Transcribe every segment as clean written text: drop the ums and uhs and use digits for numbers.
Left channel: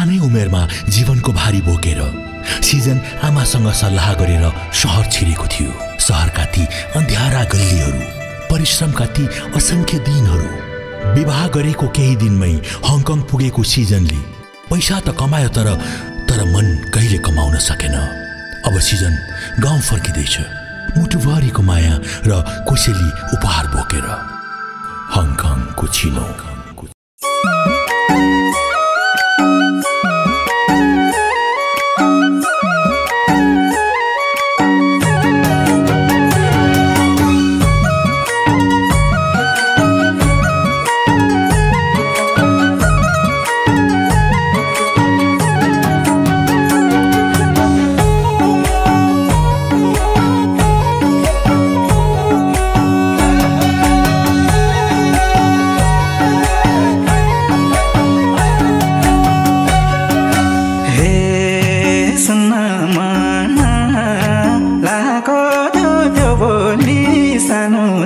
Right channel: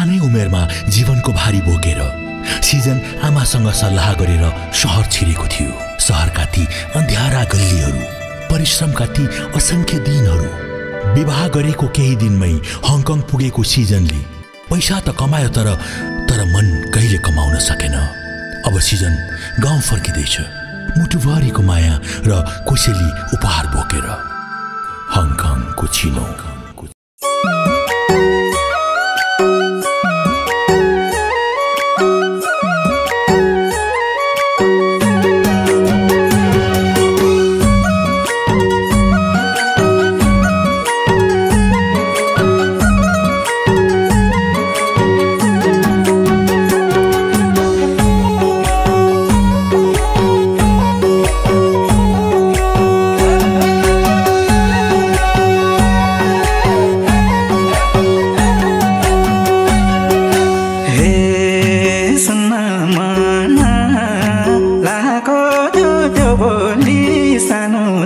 सानै उमेरमा जीवनको भारी बोकेर सिजन आमासँग सल्लाह गरेर शहर छिरेको थियो। शहरका ती अन्ध्यारा गल्लीहरू, परिश्रमका ती असंख्य दिनहरू। विवाह गरेको केही दिनमै हङकङ पुगेको सिजनले पैसा त कमायो, तर मन कहिले कमाउन सकेन। अब सिजन गाउँ फर्किँदैछ, मुटुभरिको माया र कोसेली उपहार बोकेर। हङकङको चिनो।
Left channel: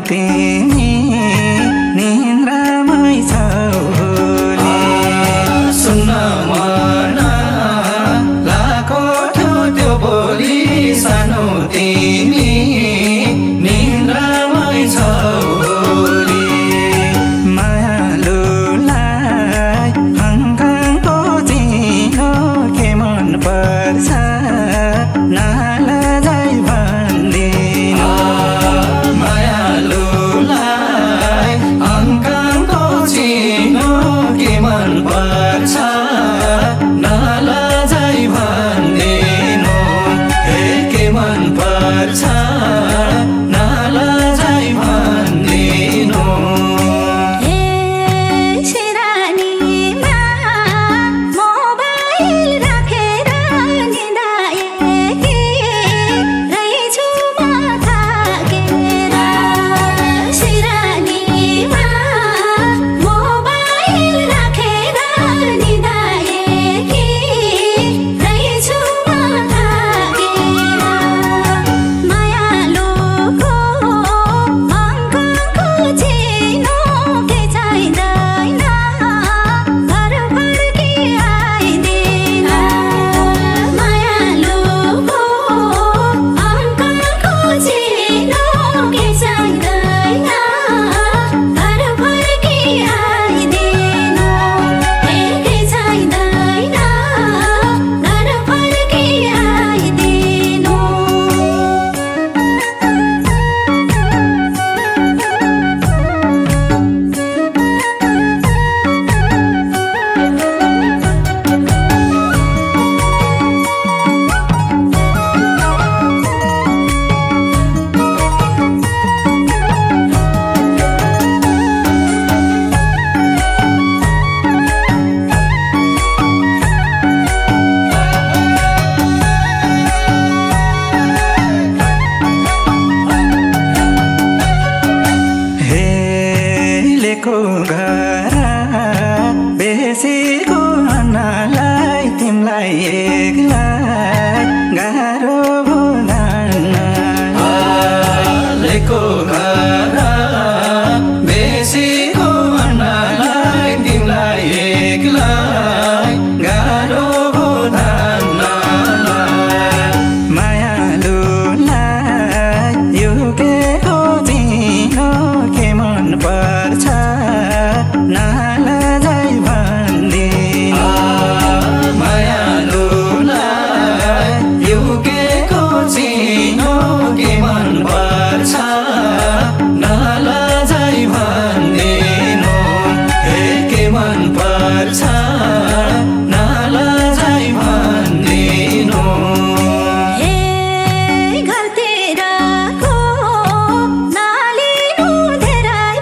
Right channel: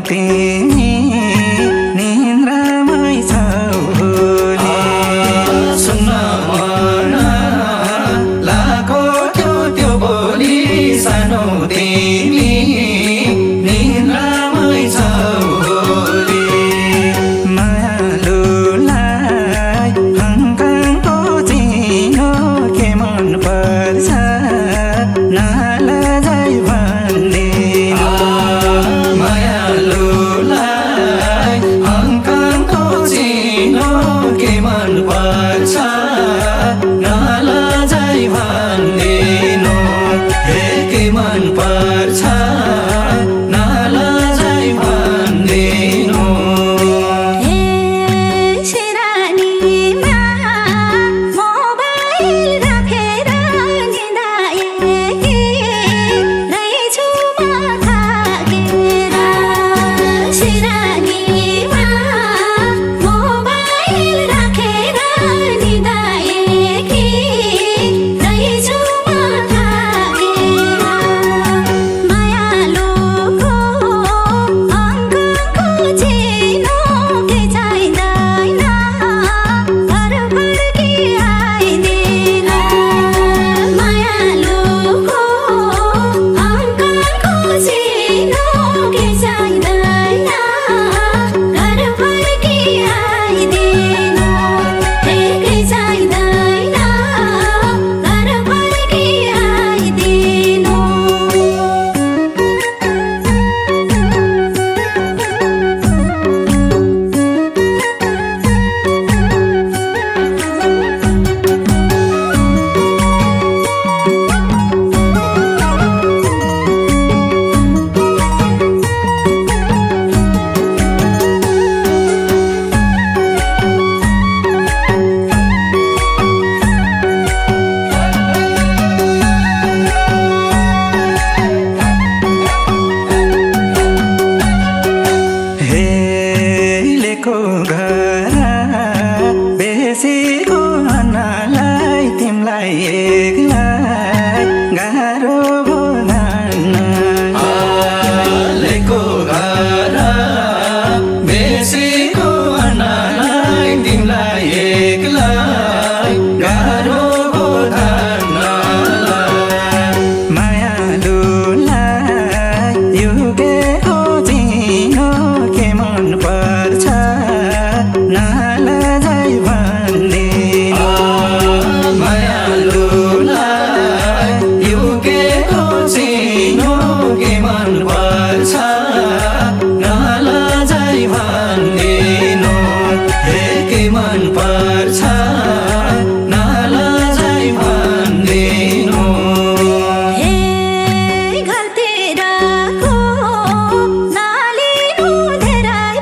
तिमी निन्द्रामै छौ नि, सुन्न मन लाको त्यो बोली सानो तिमी निन्द्रामै छौ नि। मायालुलाई हङकङको चिनो के मन पर्छ नलजाई भन्दिनु। पर्छ नलजाई भन्दिनु, हे के मन पर्छ नलजाई भन्दिनु। हे शिरानीमा मोबाइल राखेर निदाएकी रहेछु म थाकेर। शिरानीमा मोबाइल राखेर निदाएकी रहेछु म थाकेर। मायालुको हङकङको चिनो के चाहिँदैन, घर फर्की आइदिन। मायालुको हङकङको चिनो के चाहिँदैन, घर फर्की आइदिन। के चाहिँदैन, घर फर्की आइदिन। हेलेको घर बेसीको अन्नलाई तिमीलाई एकलाई गाह्रो भुल्न। हेलेको घर बेसीको अन्नलाई तिमीलाई एकलाई गाह्रो भुल्न। मायालुलाई युगेको चिनो के मन पर्छ नलजाई भन्दिनु। मायालुलाई युगेको चिनो के मन पर्छ नलजाई भन्दिनु, हे के मन पर्छ नलजाई भन्दिनु। हे घरतिरको नालिनु धेरै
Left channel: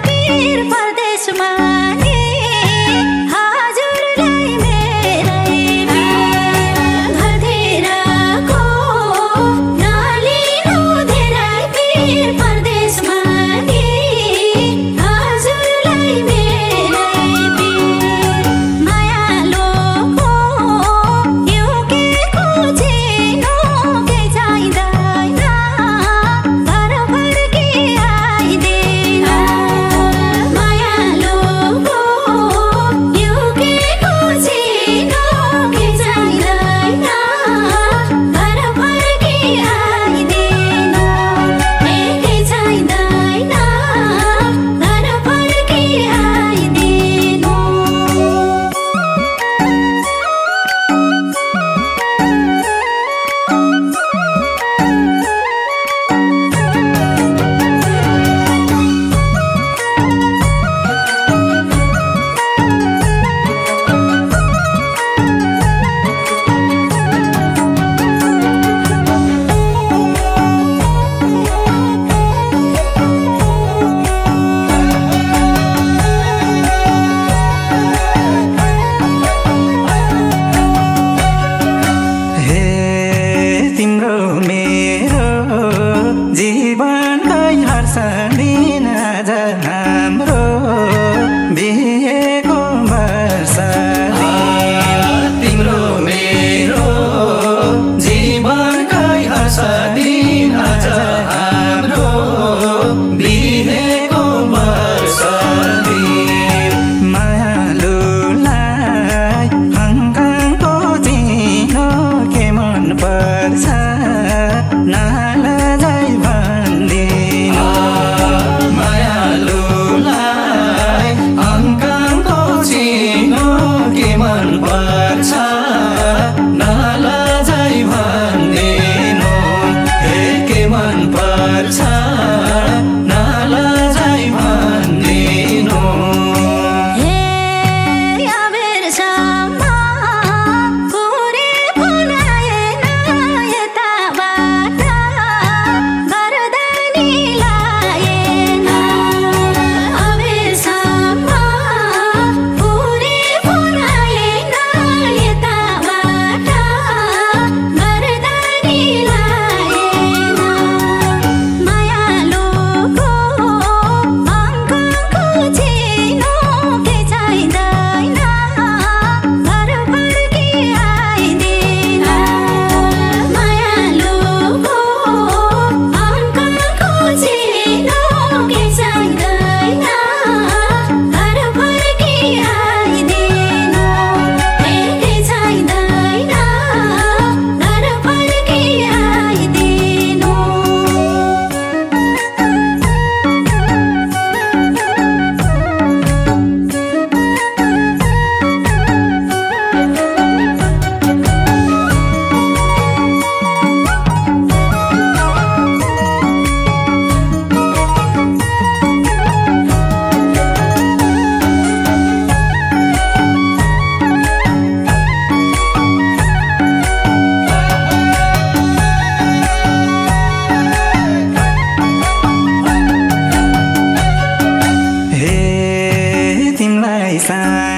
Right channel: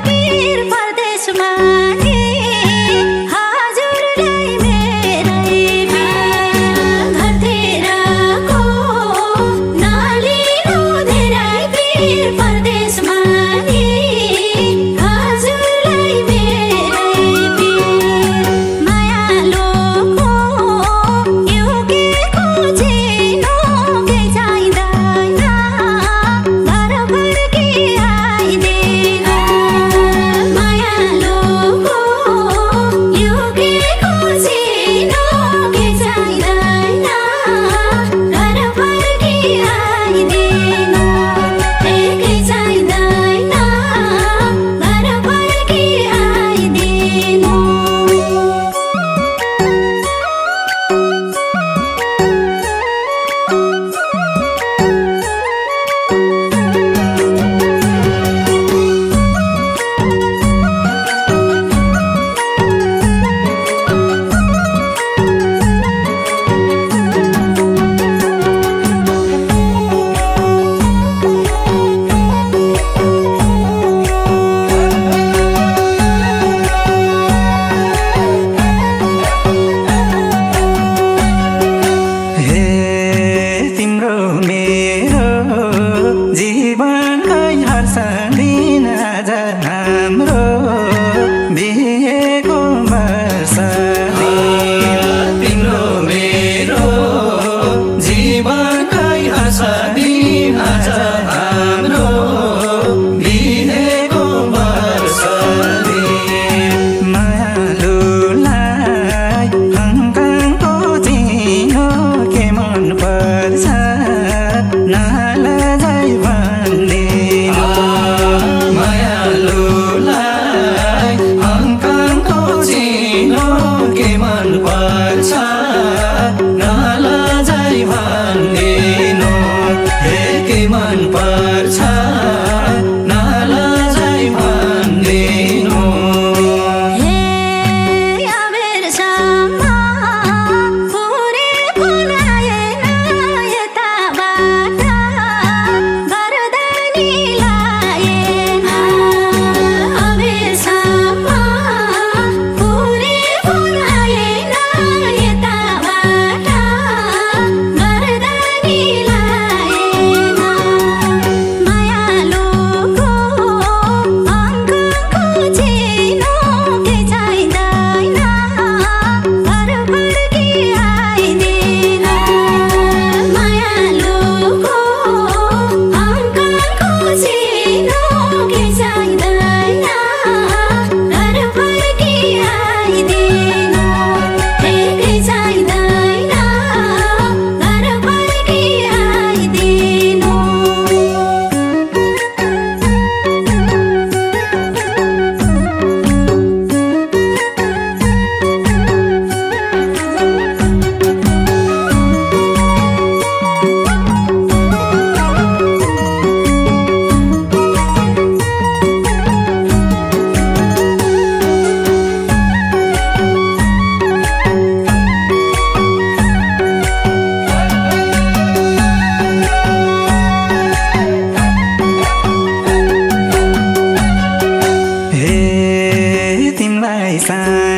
साई